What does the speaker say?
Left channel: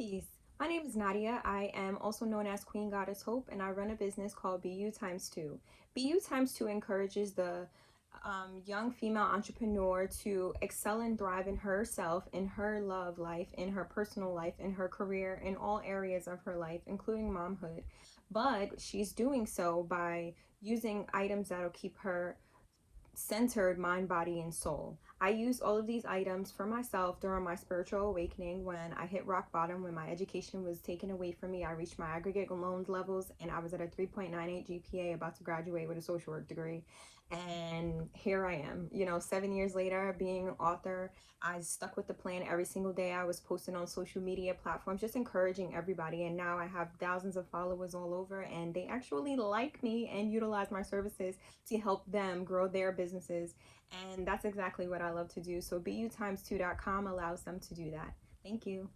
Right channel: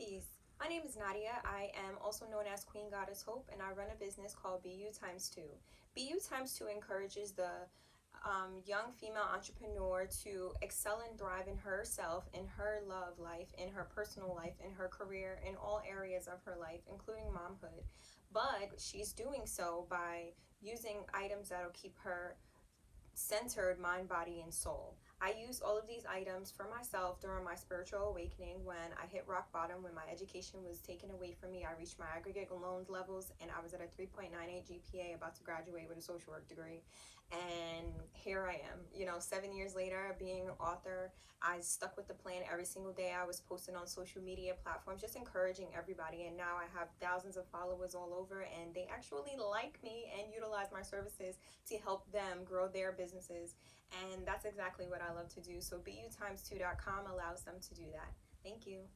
Peace. My name is Nadia. I am also known as Queen Goddess Hope, and I run a business called BU Times 2. BU Times 2 encourages the young female entrepreneur to excel and thrive in herself, in her love life, in her personal life, in her career, in all areas of her life, including momhood. But she's doing so by using items that'll keep her centered mind, body, and soul. I used all of these items for myself during my spiritual awakening when I hit rock bottom, when my education was taken away from me. I reached my aggregate loans levels and I was at a 3.98 GPA, about to graduate with a social work degree. And here I am, 7 years later, being an author. I stuck with the plan every single day. I was posting on social media platforms, just encouraging everybody. And now I have thousands of followers all over, and they actually like me and utilize my services to help them grow their businesses. And that's exactly what I love to do. So BUtimes2.com allows them to do that. Thank you.